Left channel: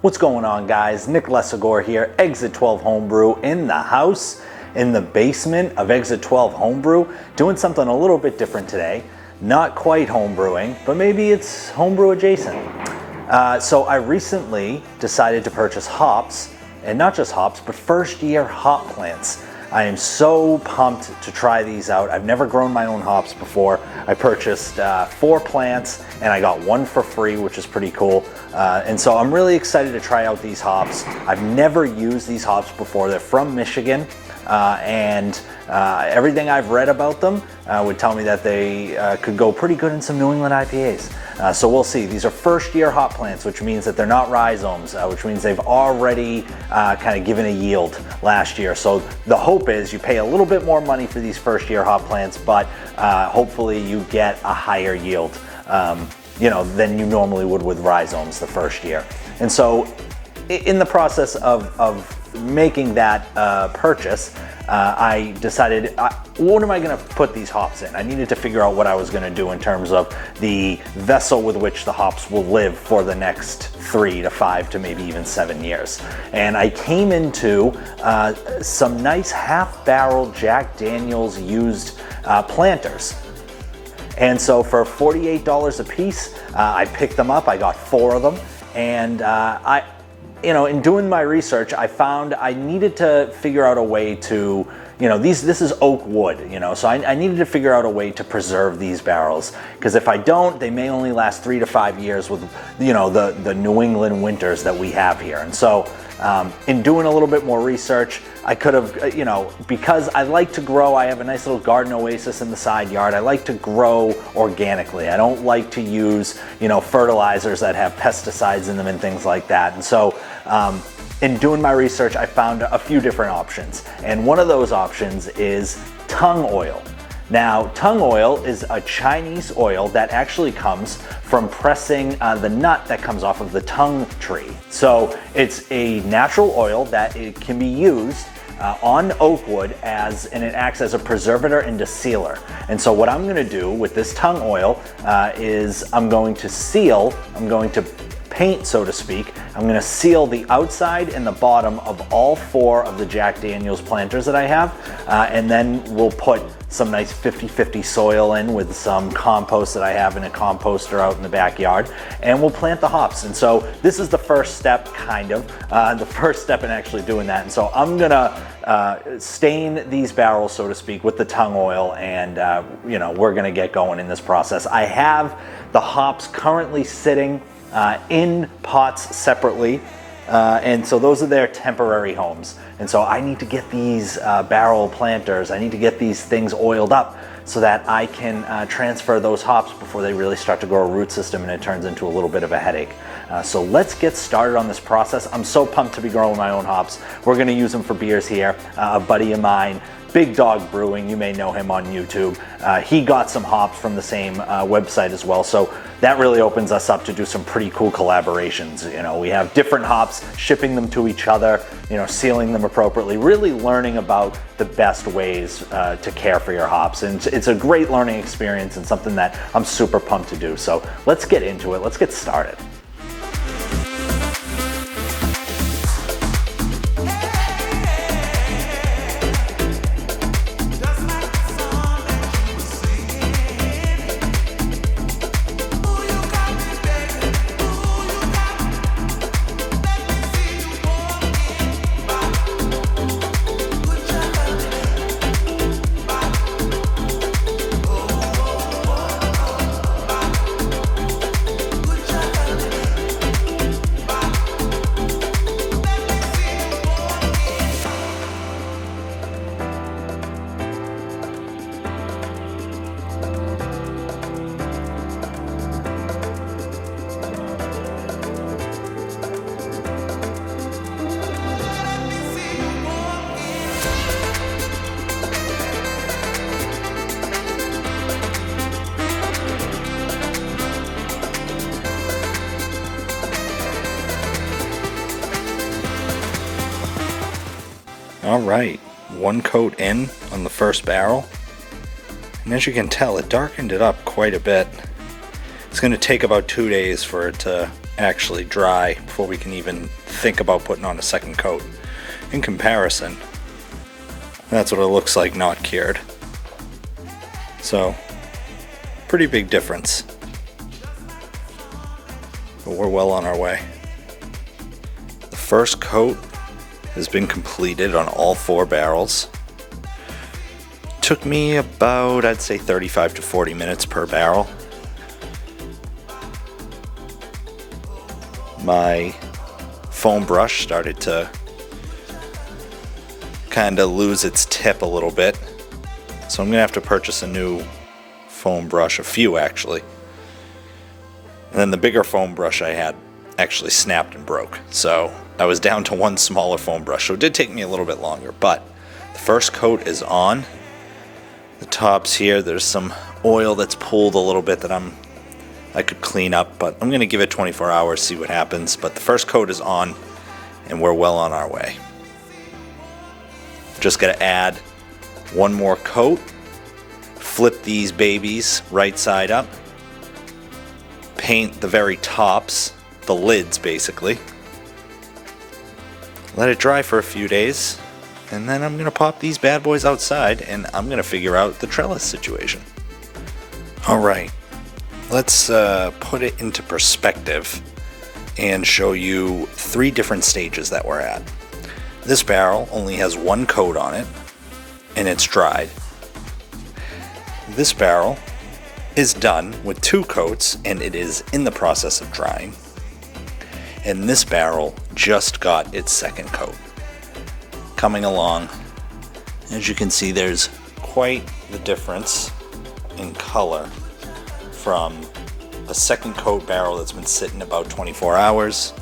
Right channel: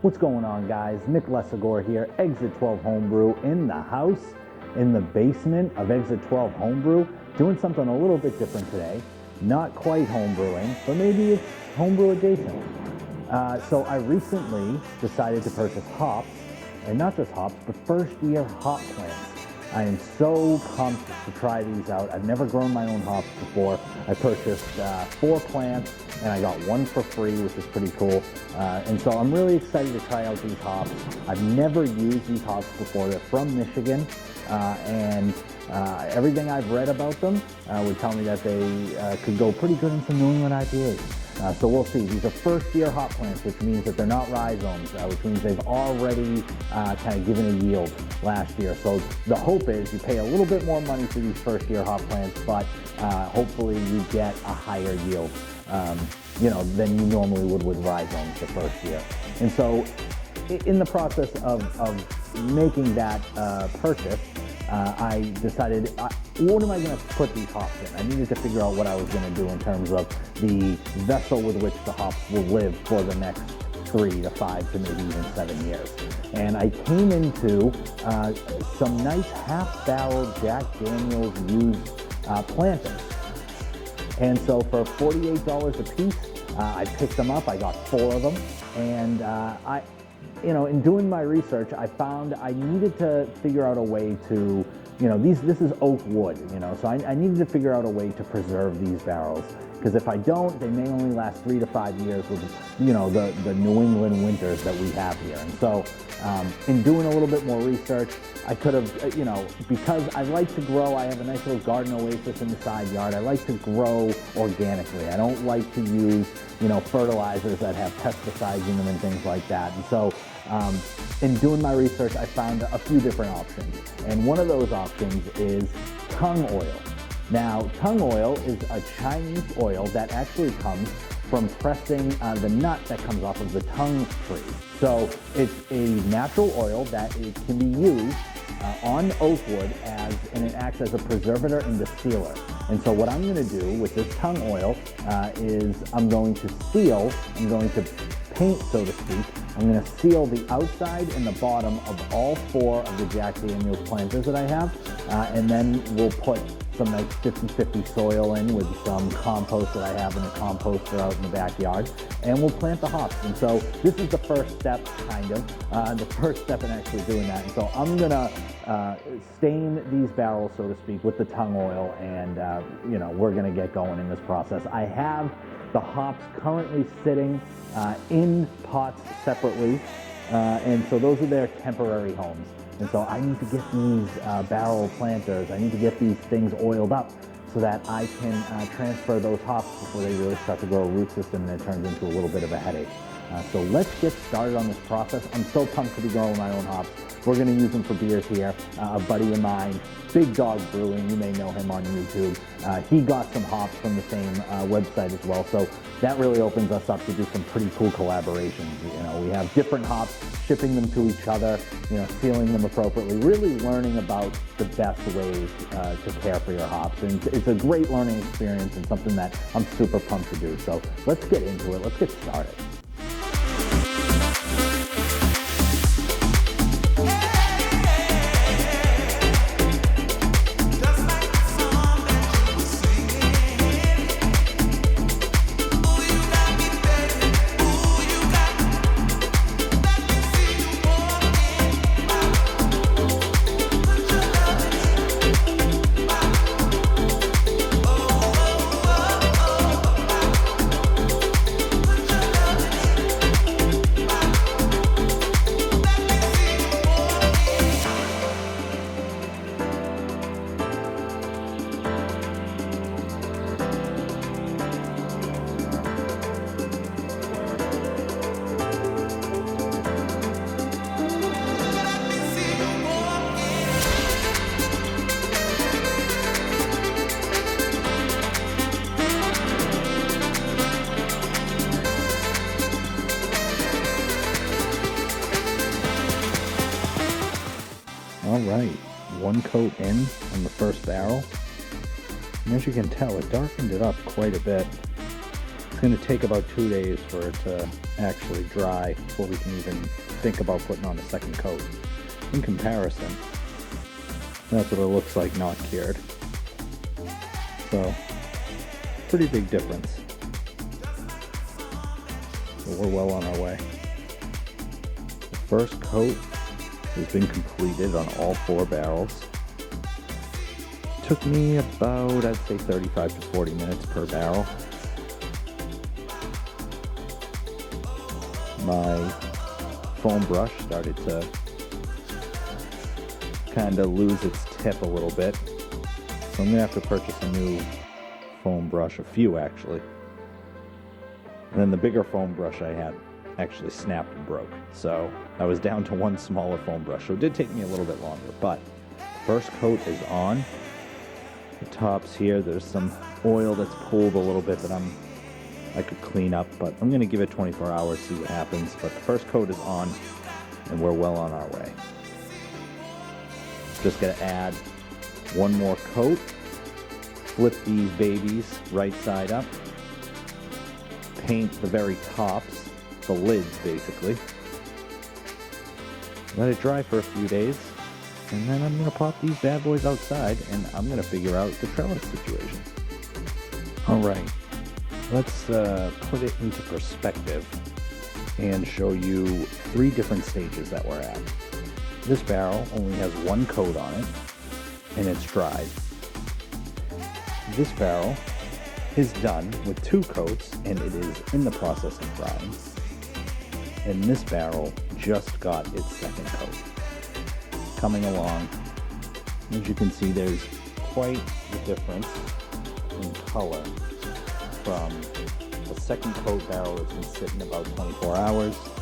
What's going on, guys? Nick Lesagore here, Exit 12 Homebrew in the house, in the basement of Exit 12 Homebrew, doing something a little bit different today. Not quite homebrewing, but maybe it's homebrew adjacent. So I recently decided to purchase hops, and not just hops, but first year hop plants. I am so pumped to try these out. I've never grown my own hops before. I purchased 4 plants and I got 1 for free, which is pretty cool. And so I'm really excited to try out these hops. I've never used these hops before. They're from Michigan, and everything I've read about them would tell me that they could go pretty good in some New England IPAs. So we'll see. These are first year hop plants, which means that they're not rhizomes, which means they've already kind of given a yield last year. So the hope is you pay a little bit more money for these first year hop plants, but hopefully you get a higher yield than you normally would with rhizomes the first year. And so in the process of making that purchase, I decided, what am I going to put these hops in? I needed to figure out what I was going to do in terms of the vessel with which the hops will live for the next 3 to 5 to maybe even 7 years. And I came into some nice half-barrel Jack Daniel's used planters. And so for $48 a piece, I picked them up. I got 4 of them, and in doing my research, I found I needed to figure out a way to, this is oak wood, so I needed to figure out a way to preserve these barrels, because if I don't, they may only last 3 to 5 years with, the New England winters that we have here. And so in doing a little bit more research, I could have, because I like to grow, I have a nice little garden oasis in the side yard. I like to grow organically. I don't like to use, fertilizers that have pesticides in them and things like that. And so in doing my research, I found a few different options. And one of those options is tung oil. Now, tung oil is a Chinese oil that actually comes from pressing the nut that comes off of the tung tree. So it's a natural oil that it can be used on oak wood and it acts as a preservator and a sealer. And so what I'm gonna do with this tung oil is I'm going to paint, so to speak. I'm gonna seal the outside and the bottom of all 4 of the Jack Daniel's planters that I have, and then we'll put some nice 50-50 soil in with some compost that I have in a composter out in the backyard, and we'll plant the hops. And so this is the first step, the first step in actually doing that. And so I'm gonna stain these barrels, so to speak, with the tung oil, and we're gonna get going in this process. I have the hops currently sitting in pots separately, and so those are their temporary homes. And so I need to get these barrel planters, I need to get these things oiled up so that I can transfer those hops before they really start to grow a root system and it turns into a little bit of a headache. So let's get started on this process. I'm so pumped to be growing my own hops. We're gonna use them for beers here. A buddy of mine, Big Dog Brewing, you may know him on YouTube. He got some hops from the same website as well. So that really opens us up to do some pretty cool collaborations. We have different hops, shipping them to each other, sealing them appropriately, really learning about the best ways to care for your hops. And it's a great learning experience and something that I'm super pumped to do. So let's get into it. Let's get started. All right, 1 coat in on the first barrel, and as you can tell, it darkened it up quite a bit. It's going to take about 2 days for it to actually dry before we can even think about putting on a second coat. In comparison, that's what it looks like not cured. So, pretty big difference. But we're well on our way. The first coat has been completed on all 4 barrels. Took me about, I'd say, 35 to 40 minutes per barrel. My foam brush started to kind of lose its tip a little bit, so I'm gonna have to purchase a new foam brush, a few actually. And then the bigger foam brush I had actually snapped and broke, so I was down to one smaller foam brush, so it did take me a little bit longer. But the first coat is on. The tops here, there's some oil that's pulled a little bit that I could clean up, but I'm gonna give it 24 hours, see what happens. But the first coat is on, and we're well on our way. Just gotta add one more coat, flip these babies right side up, paint the very tops, the lids basically, let it dry for a few days, and then I'm gonna pop these bad boys outside and I'm gonna figure out the trellis situation. All right, let's put it into perspective and show you 3 different stages that we're at. This barrel only has 1 coat on it, and it's dried. This barrel is done with 2 coats, and it is in the process of drying. And this barrel just got its second coat. Coming along, as you can see, there's quite the difference in color from a second coat barrel that's been sitting about 24 hours,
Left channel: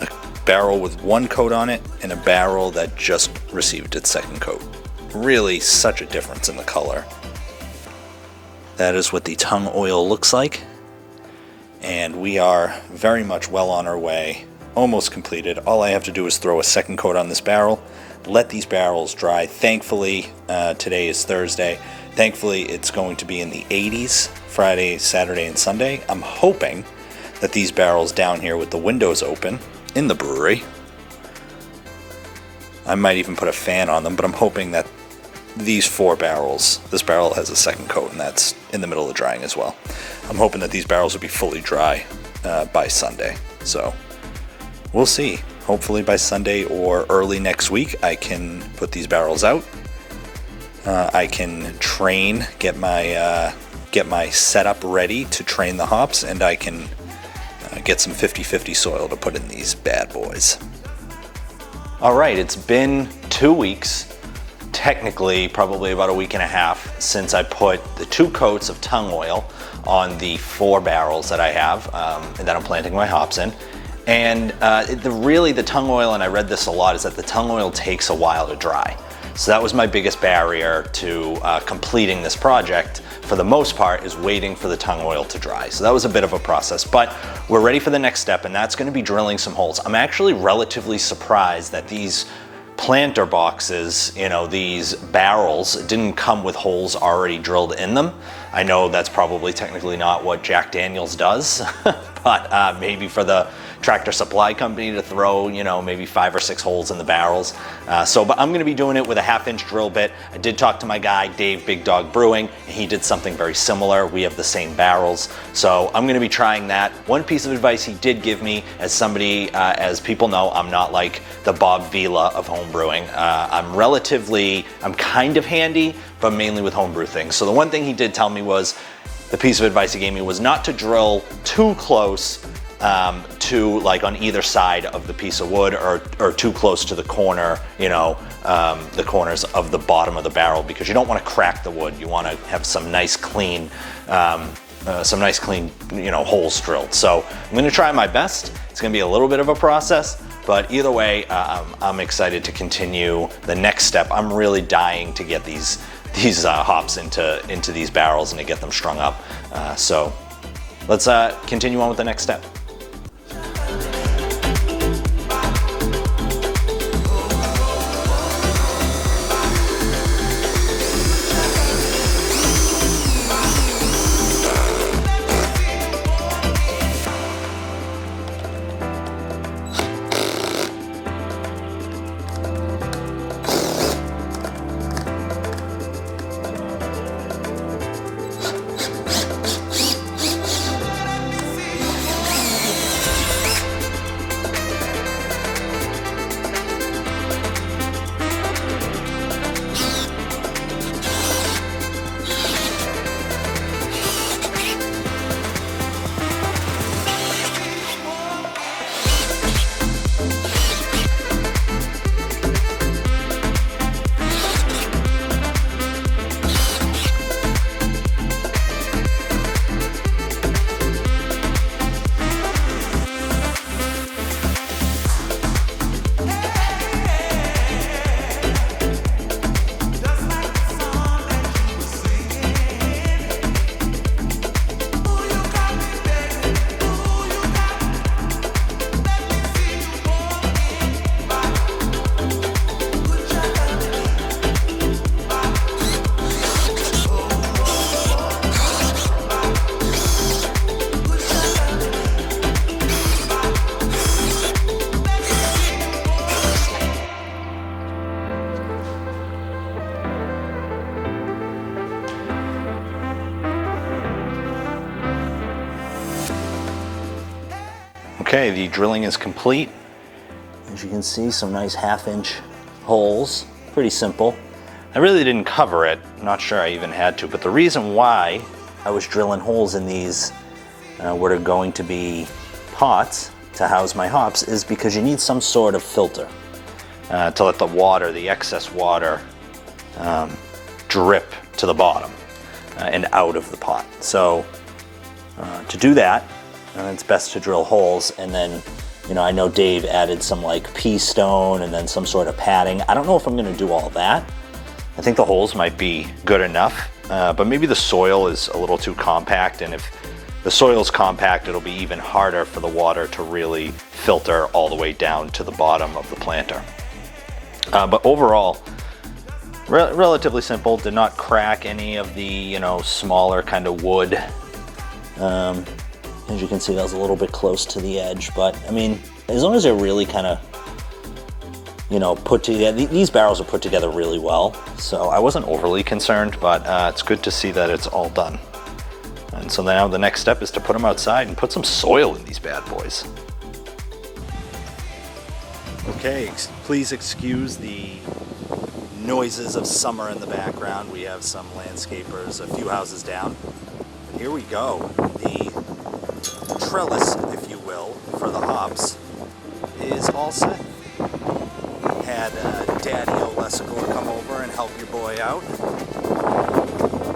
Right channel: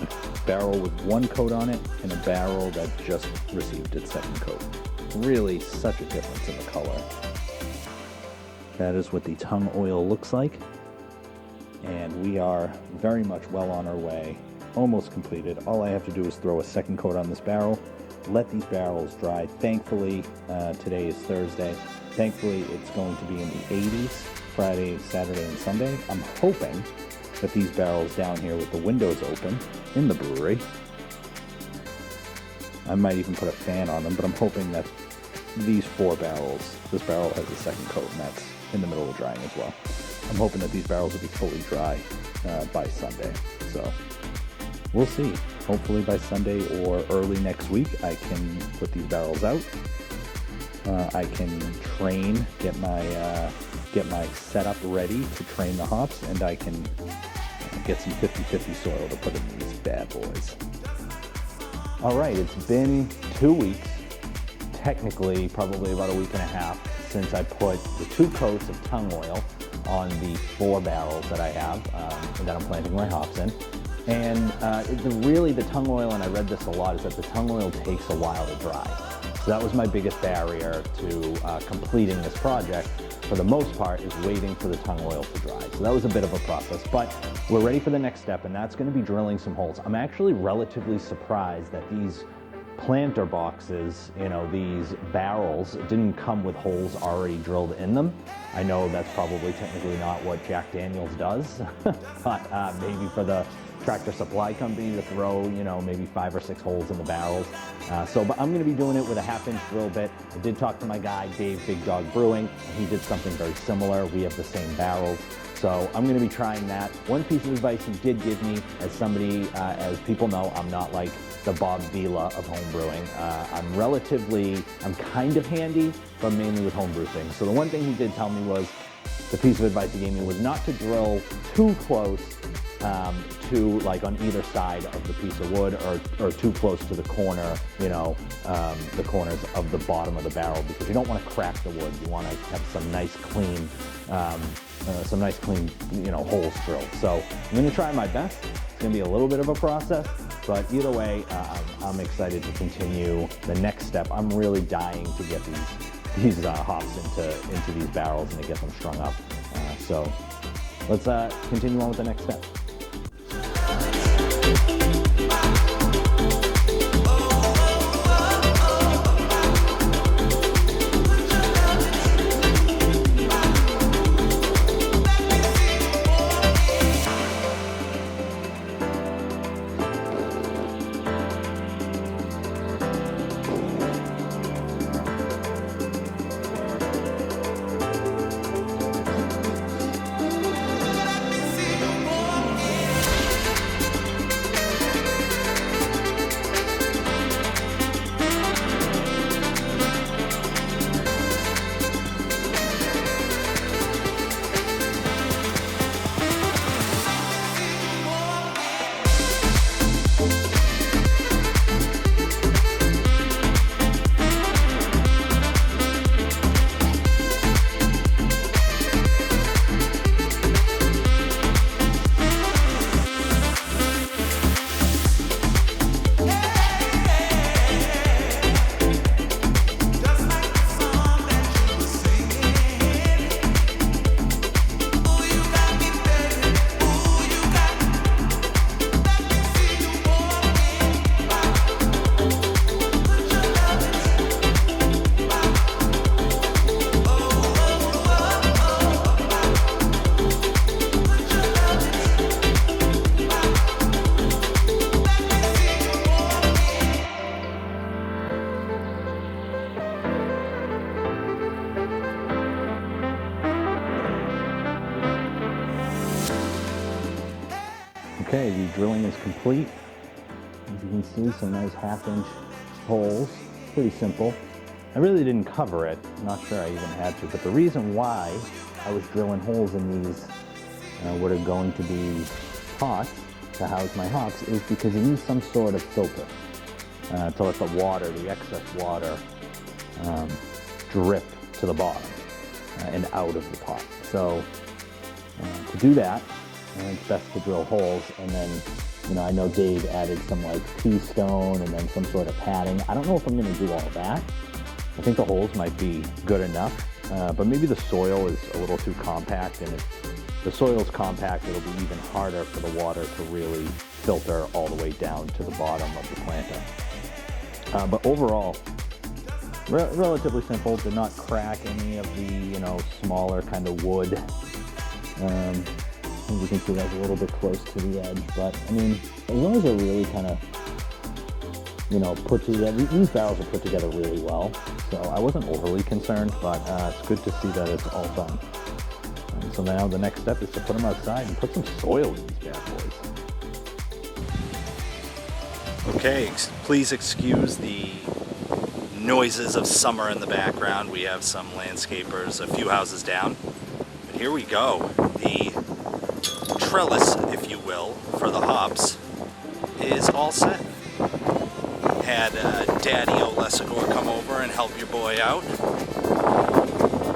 a barrel with 1 coat on it, and a barrel that just received its second coat. Really such a difference in the color. That is what the tongue oil looks like, and we are very much well on our way, almost completed. All I have to do is throw a second coat on this barrel, let these barrels dry. Thankfully, today is Thursday. Thankfully, it's going to be in the 80s Friday, Saturday, and Sunday. I'm hoping that these barrels down here with the windows open in the brewery, I might even put a fan on them, but I'm hoping that these 4 barrels, this barrel has a second coat, and that's in the middle of drying as well. I'm hoping that these barrels will be fully dry by Sunday. So we'll see. Hopefully by Sunday or early next week, I can put these barrels out. I can train, get my setup ready to train the hops, and I can get some 50-50 soil to put in these bad boys. All right, it's been 2 weeks, technically probably about a week and a half, since I put the 2 coats of tongue oil on the 4 barrels that I have and that I'm planting my hops in. And the tongue oil, and I read this a lot, is that the tongue oil takes a while to dry. So that was my biggest barrier to completing this project, for the most part, is waiting for the tongue oil to dry. So that was a bit of a process, but we're ready for the next step, and that's gonna be drilling some holes. I'm actually relatively surprised that these planter boxes, these barrels, didn't come with holes already drilled in them. I know that's probably technically not what Jack Daniels does, but maybe for the Tractor Supply Company to throw, maybe 5 or 6 holes in the barrels. But I'm gonna be doing it with a 1/2-inch drill bit. I did talk to my guy, Dave Big Dog Brewing, and he did something very similar. We have the same barrels, so I'm gonna be trying that. One piece of advice he did give me, as somebody, as people know, I'm not like the Bob Vila of home brewing. I'm kind of handy, but mainly with homebrew things. So the one thing he did tell me was, the piece of advice he gave me was not to drill too close to, like, on either side of the piece of wood, or too close to the corner, the corners of the bottom of the barrel, because you don't want to crack the wood. You want to have some nice clean holes drilled. So I'm going to try my best. It's going to be a little bit of a process, but either way, I'm excited to continue the next step. I'm really dying to get these hops into these barrels and to get them strung up. So let's continue on with the next step. Okay, the drilling is complete. As you can see, some nice 1/2-inch holes. Pretty simple. I really didn't cover it. Not sure I even had to, but the reason why I was drilling holes in these what are going to be pots to house my hops is because you need some sort of filter to let the water, the excess water, drip to the bottom and out of the pot. So to do that, it's best to drill holes, and then, you know, I know Dave added some like pea stone and then some sort of padding. I don't know if I'm gonna do all that. I think the holes might be good enough, but maybe the soil is a little too compact, and if the soil's compact, it'll be even harder for the water to really filter all the way down to the bottom of the planter. But overall, relatively simple. Did not crack any of the, you know, smaller kind of wood. As you can see, that was a little bit close to the edge, but I mean, as long as they're really kind of, you know, put together, these barrels are put together really well. So I wasn't overly concerned, but it's good to see that it's all done. And so now the next step is to put them outside and put some soil in these bad boys. Okay, please excuse the noises of summer in the background. We have some landscapers a few houses down. But here we go. The trellis, if you will, for the hops is all set. Had Daddy Olesagor come over and help your boy out.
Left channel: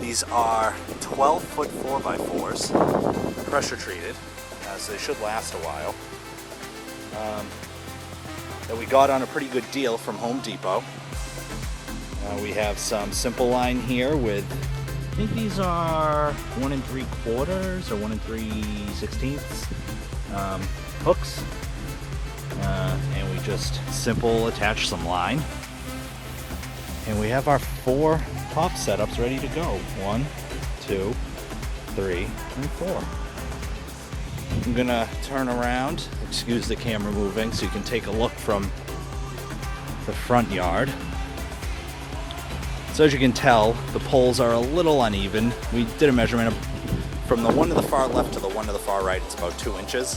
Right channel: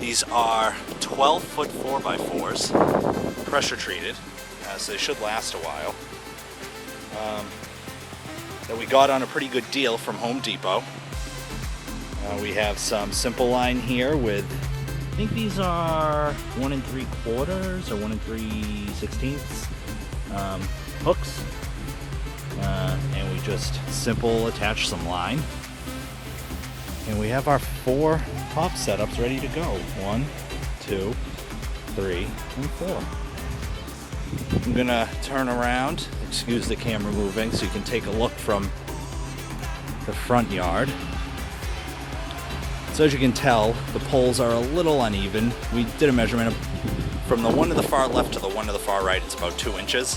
These are 12-foot 4x4s, pressure treated, so they should last a while. That we got on a pretty good deal from Home Depot. We have some simple line here with, I think these are 1 3/4 or 1 3/16 hooks. And we just simple attach some line. And we have our 4 hop setups ready to go. 1, 2, 3, and 4. I'm gonna turn around, excuse the camera moving, so you can take a look from the front yard. So as you can tell, the poles are a little uneven. We did a measurement from the one to the far left to the one to the far right, it's about 2 inches.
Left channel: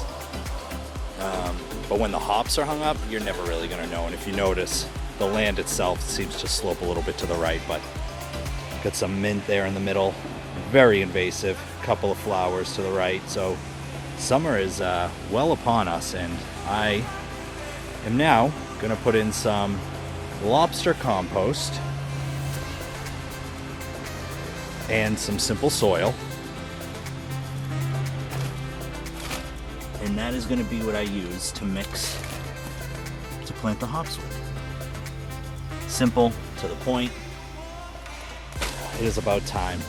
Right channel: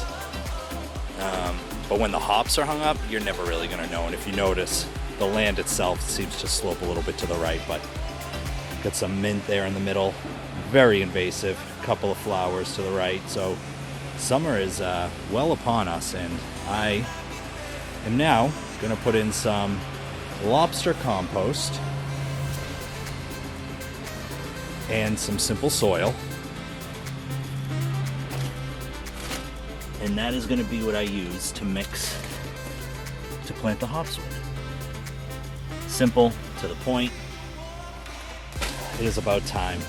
But when the hops are hung up, you're never really gonna know. And if you notice, the land itself seems to slope a little bit to the right, but got some mint there in the middle. Very invasive, couple of flowers to the right. So summer is well upon us, and I am now gonna put in some lobster compost and some simple soil. And that is going to be what I use to mix to plant the hops with. Simple, to the point. It is about time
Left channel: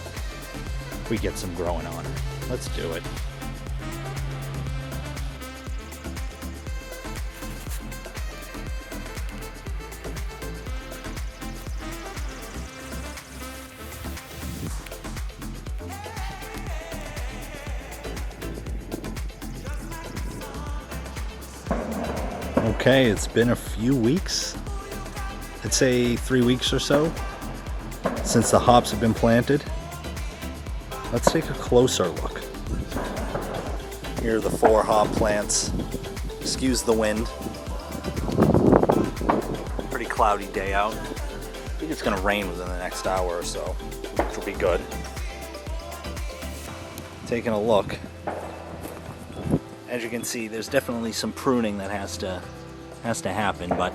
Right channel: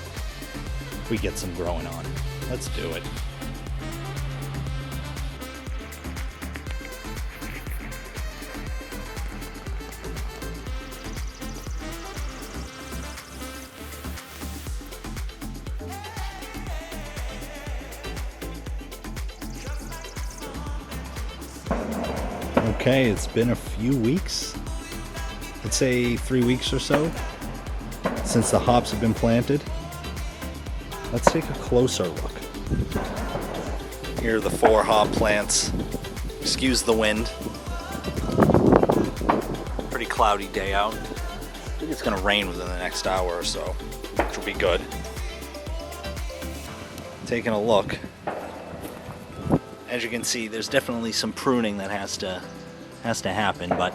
we get some growing on. Let's do it. Okay, it's been a few weeks. I'd say 3 weeks or so since the hops have been planted. Let's take a closer look. Here are the 4 hop plants. Excuse the wind. Pretty cloudy day out. I think it's gonna rain within the next hour or so, which will be good. Taking a look. As you can see, there's definitely some pruning that has to happen, but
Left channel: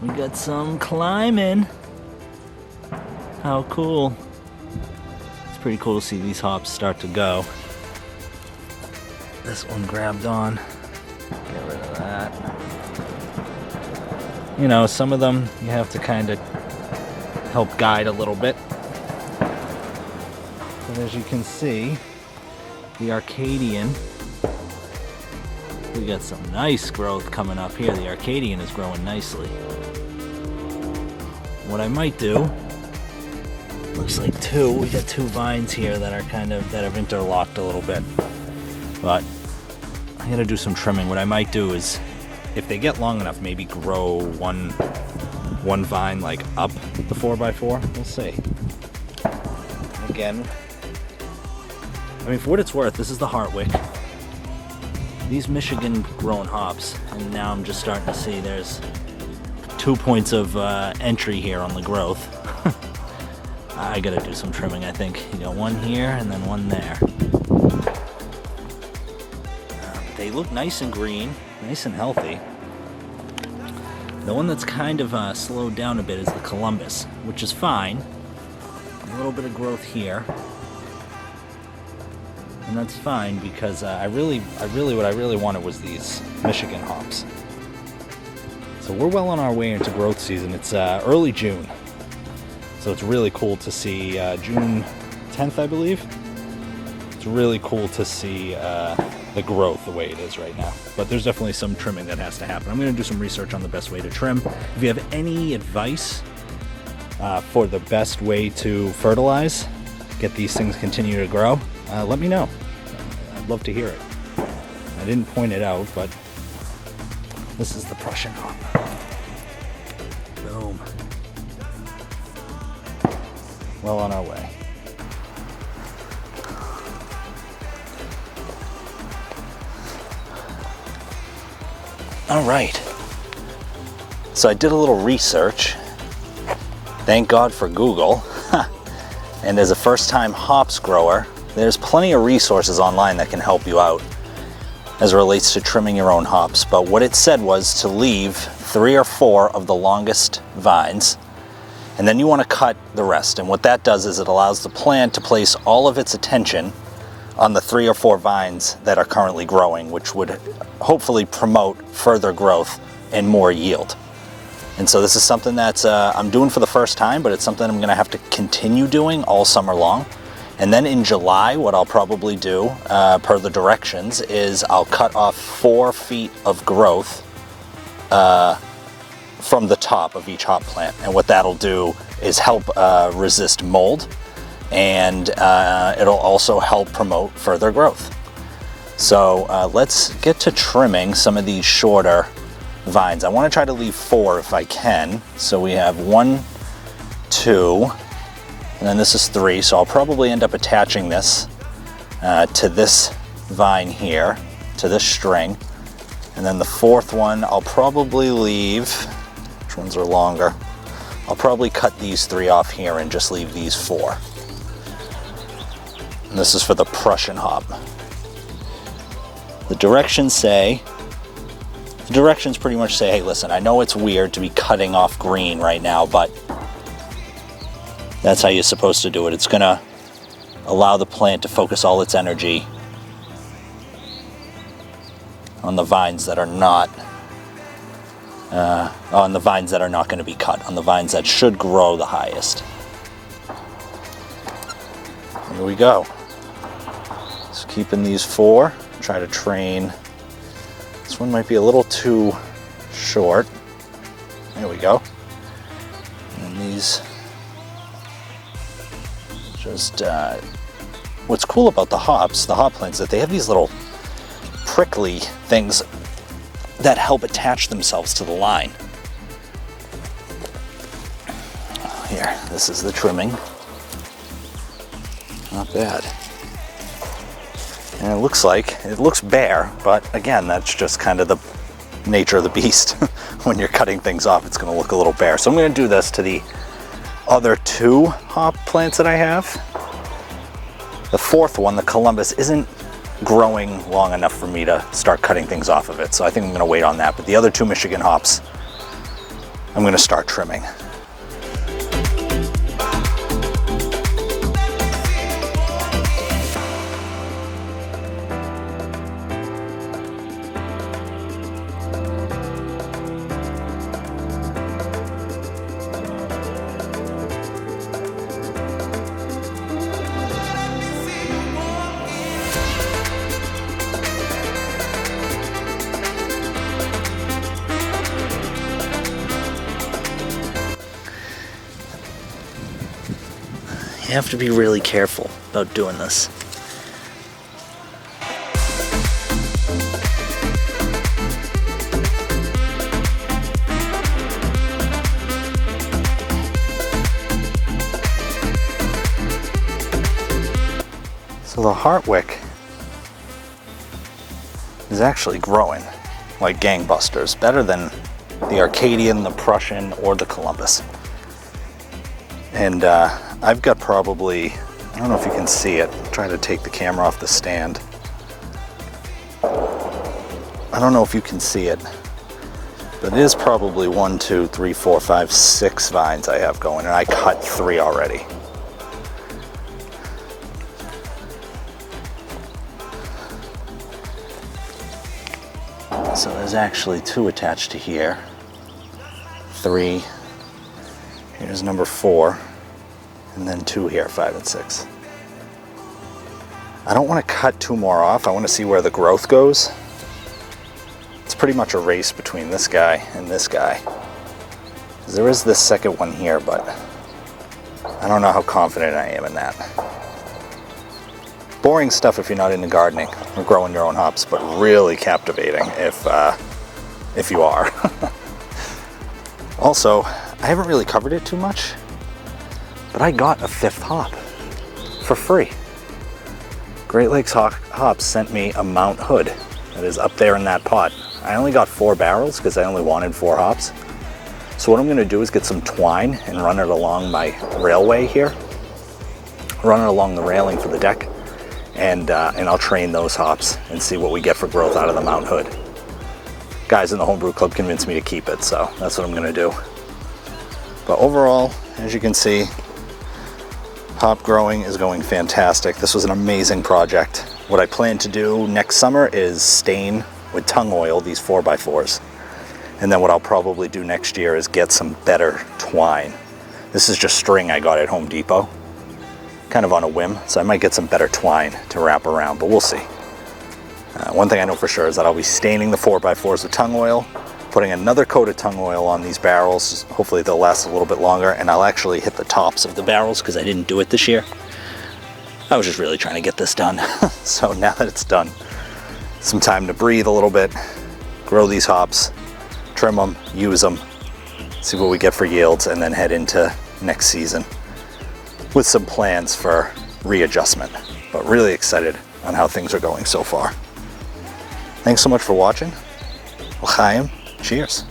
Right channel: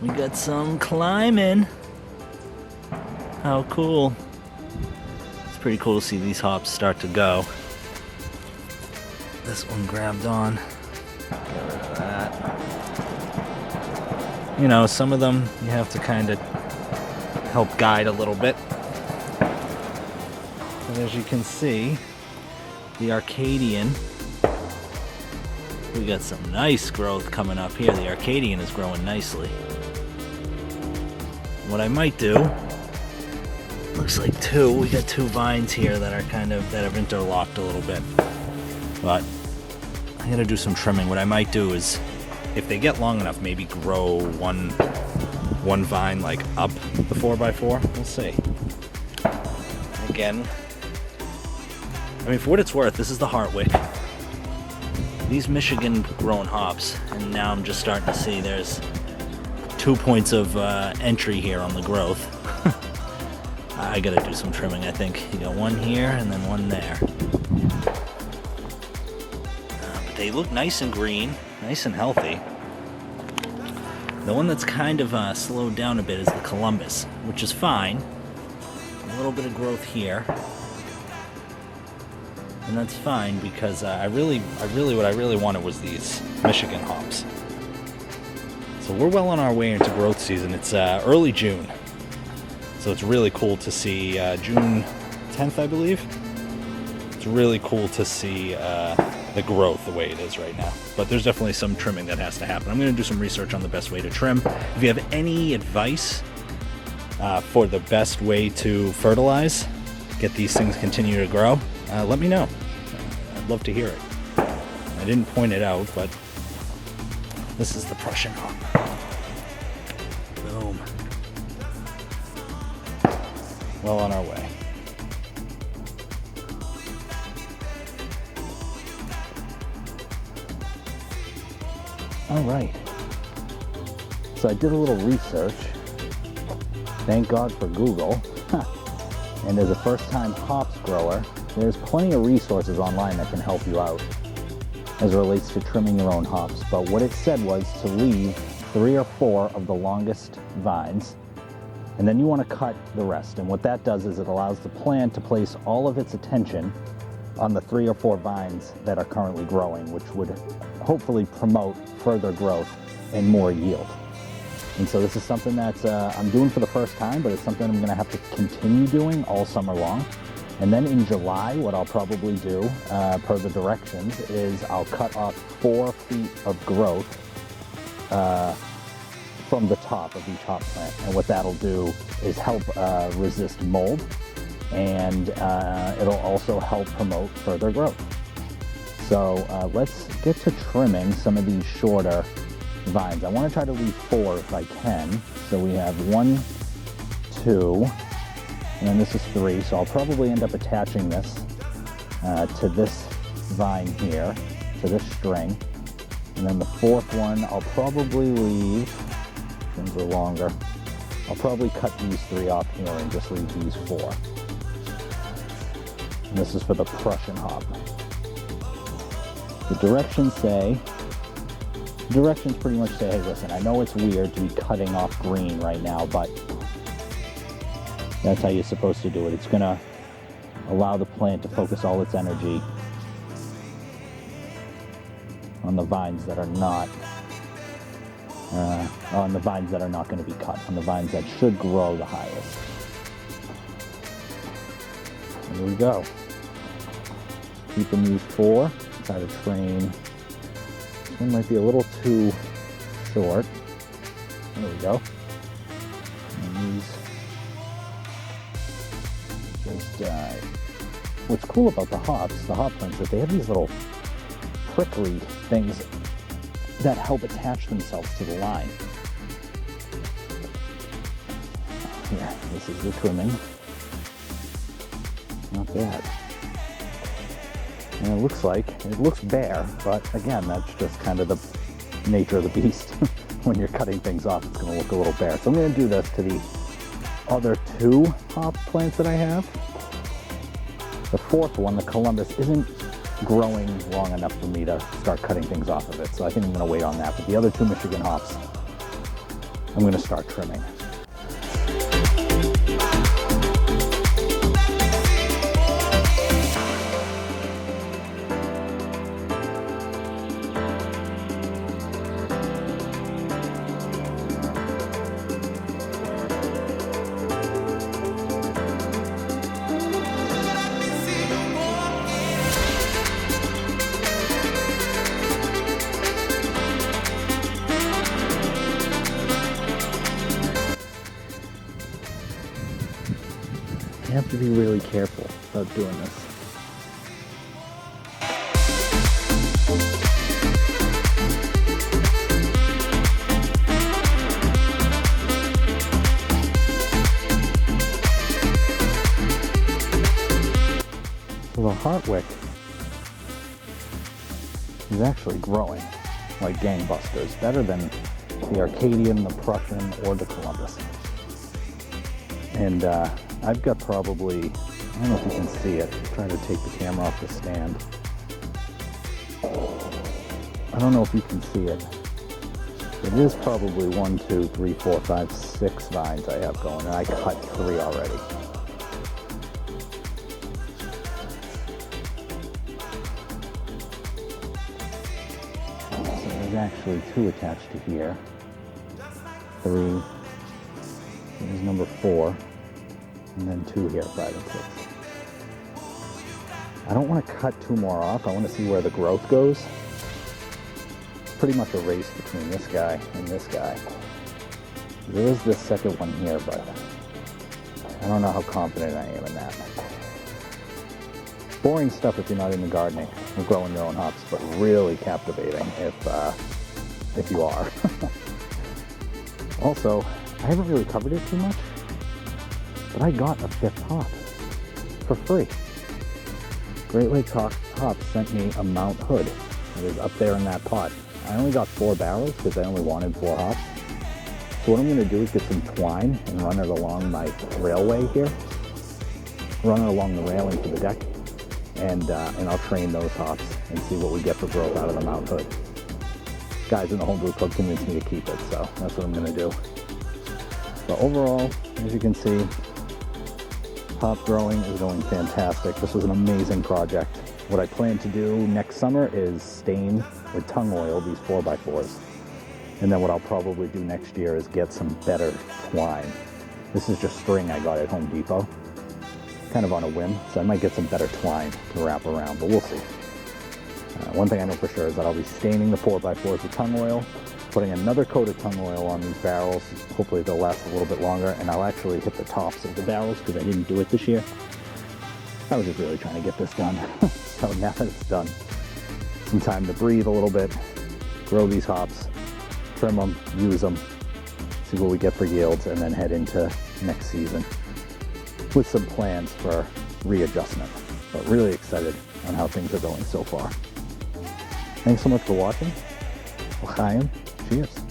we got some climbing. How cool. It's pretty cool to see these hops start to go. This one grabbed on. Get rid of that. You know, some of them you have to kind of help guide a little bit. But as you can see, the Arcadian, we got some nice growth coming up here. The Arcadian is growing nicely. What I might do, looks like we got 2 vines here that are that have interlocked a little bit. But I'm gonna do some trimming. What I might do is, if they get long enough, maybe grow one vine like up the 4x4. We'll see. Again, I mean, for what it's worth, this is the Hartwick. these Michigan grown hops, and now I'm just starting to see there's 2 points of entry here on the growth. I gotta do some trimming, I think. You got one here and then one there. But they look nice and green, nice and healthy. The one that's kind of slowed down a bit is the Columbus, which is fine. A little bit of growth here. And that's fine because what I really wanted was these Michigan hops. So we're well on our way into growth season. It's early June. So it's really cool to see June 10th, I believe. It's really cool to see the growth the way it is right now. But there's definitely some trimming that has to happen. I'm going to do some research on the best way to trim. If you have any advice for the best way to fertilize, get these things continue to grow, let me know. I'd love to hear it. I didn't point it out, but this is the Prussian hop. Boom. Well on our way. All right. So I did a little research. Thank God for Google. And as a first-time hops grower, there's plenty of resources online that can help you out as it relates to trimming your own hops. But what it said was to leave 3 or 4 of the longest vines, and then you want to cut the rest. And what that does is it allows the plant to place all of its attention on the 3 or 4 vines that are currently growing, which would hopefully promote further growth and more yield. And so this is something that I'm doing for the first time, but it's something I'm going to have to continue doing all summer long. And then in July, what I'll probably do, per the directions, is I'll cut off 4 feet of growth from the top of each hop plant. And what that'll do is help resist mold, and it'll also help promote further growth. So let's get to trimming some of these shorter vines. I want to try to leave 4 if I can. So we have 1, 2, and then this is 3. So I'll probably end up attaching this to this vine here, to this string. And then the 4th one, I'll probably leave, which ones are longer? I'll probably cut these 3 off here and just leave these 4. And this is for the Prussian hop. The directions pretty much say, hey, listen, I know it's weird to be cutting off green right now, but that's how you're supposed to do it. It's gonna allow the plant to focus all its energy on the vines that are not going to be cut, on the vines that should grow the highest. Here we go. Just keeping these 4. Try to train. This one might be a little too short. There we go. And these just, what's cool about the hop plants, that they have these little prickly things that help attach themselves to the line. Here, this is the trimming. Not bad. And it looks bare, but again, that's just kind of the nature of the beast. When you're cutting things off, it's going to look a little bare. So I'm going to do this to the other 2 hop plants that I have. The 4th one, the Columbus, isn't growing long enough for me to start cutting things off of it. So I think I'm going to wait on that. But the other 2 Michigan hops, I'm going to start trimming. You have to be really careful about doing this. So the Hartwick is actually growing like gangbusters, better than the Arcadian, the Prussian, or the Columbus. And I've got probably, I don't know if you can see it, I'm trying to take the camera off the stand. I don't know if you can see it, but it is probably 1, 2, 3, 4, 5, 6 vines I have going, and I cut 3 already. So there's actually 2 attached to here. 3. Here's number 4. And then 2 here, 5 and 6. I don't want to cut 2 more off. I want to see where the growth goes. It's pretty much a race between this guy and this guy. There is this second one here, but I don't know how confident I am in that. Boring stuff if you're not into gardening or growing your own hops, but really captivating if you are. Also, I haven't really covered it too much, but I got a 5th hop for free. Great Lakes Hops sent me a Mount Hood that is up there in that pot. I only got 4 barrels because I only wanted 4 hops. So what I'm gonna do is get some twine and run it along my railway here. Run it along the railing for the deck, and I'll train those hops and see what we get for growth out of the Mount Hood. Guys in the Homebrew Club convinced me to keep it, so that's what I'm gonna do. But overall, as you can see, hop growing is going fantastic. This was an amazing project. What I plan to do next summer is stain with tung oil these 4x4s. And then what I'll probably do next year is get some better twine. This is just string I got at Home Depot, kind of on a whim, so I might get some better twine to wrap around, but we'll see. One thing I know for sure is that I'll be staining the 4x4s with tung oil, putting another coat of tung oil on these barrels. Hopefully they'll last a little bit longer, and I'll actually hit the tops of the barrels because I didn't do it this year. I was just really trying to get this done. So now that it's done, some time to breathe a little bit, grow these hops, trim them, use them, see what we get for yields, and then head into next season with some plans for readjustment. But really excited on how things are going so far. Thanks so much for watching. L'chaim. Cheers.